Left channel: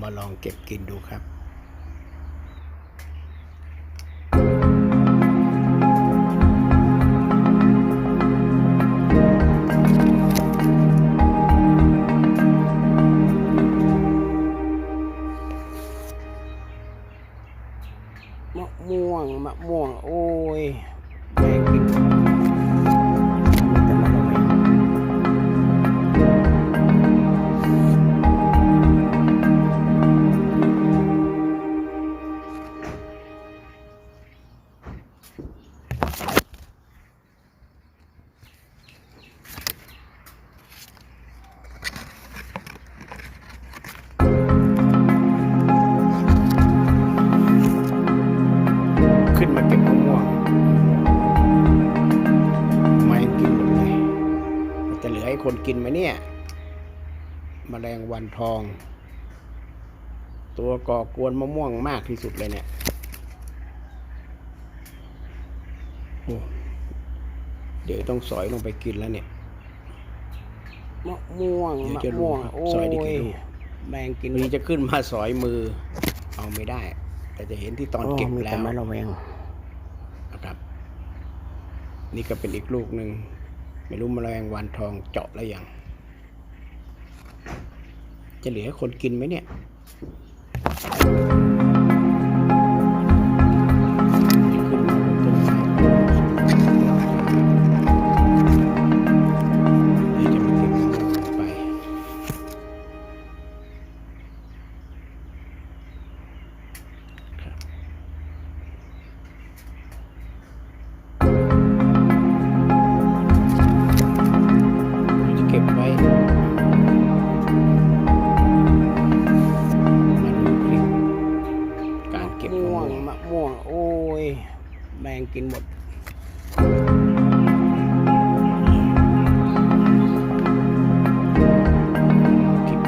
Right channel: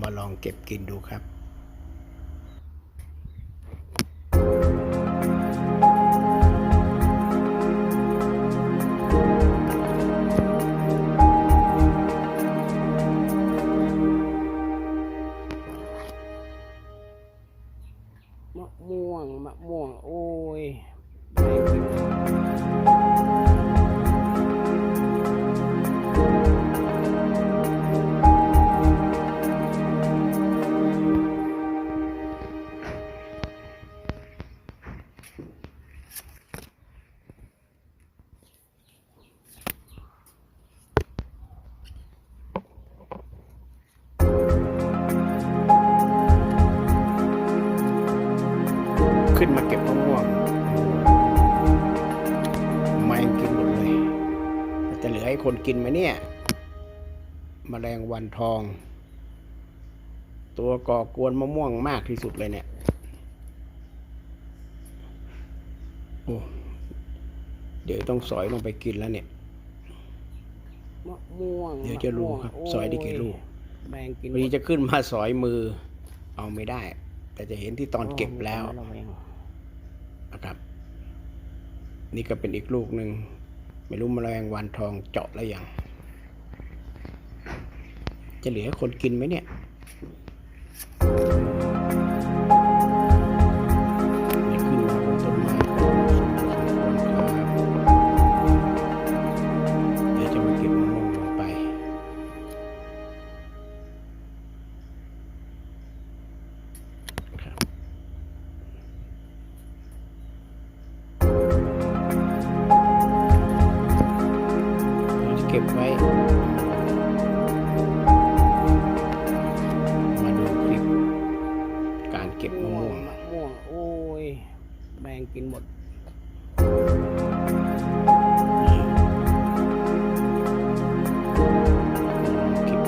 มาลองเก็บกินดูครับมะม่วงมะม่วง โอ้ยแม่กิน ขึ้นมาเก็บมะม่วง ไม่งกินหมดเลยมันจะเหลือให้คนกินไหมเนี่ยแมลงวันทอง ตัวก่อกวนมะม่วงมากที่สุดเลยเนี่ยโอ้เดี๋ยวต้องสอยลงไปกินแล้วเนี่ยมะม่วงเดี๋ยวจะรู้มม่วงครับโซอยได้กี่ลูกแมงกินวันนี้จะขึ้นมาสอยมือ เอาไม่ได้ แต่จะเห็นที่ตอนเก็บแล้วโมีต่มะระแวงนะครับ นี่ก็เป็นอีกลูกหนึ่งไม่รู้แมลงวันทองเจาะแล้วยังจะเหลือให้คนกินไหมเนี่ย เราจะเก็บไว้ มาดูคลิป การเก็บมะม่วม่งวงมะม่วง โอ้ย แมงกินหมดคลิป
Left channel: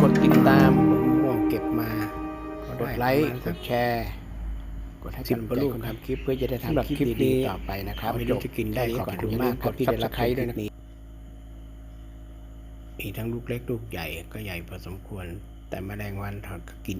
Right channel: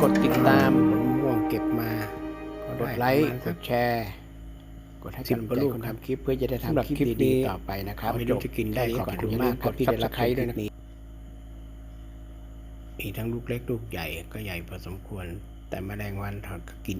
กดติดตามผลมะม่วงเก็บมา กดไลค์ กดแชร์ กดให้กำลังใจคนทำคลิปเพื่อจะได้ทำคลิปดีๆต่อไปนะครับไม่รู้จะกินได้ขอบคุณมากครับที่ได้รับใช้ด้วยนะมีทั้งลูกเล็กลูกใหญ่ก็ใหญ่พอสมควร แต่แมลงวันทอดก็กิน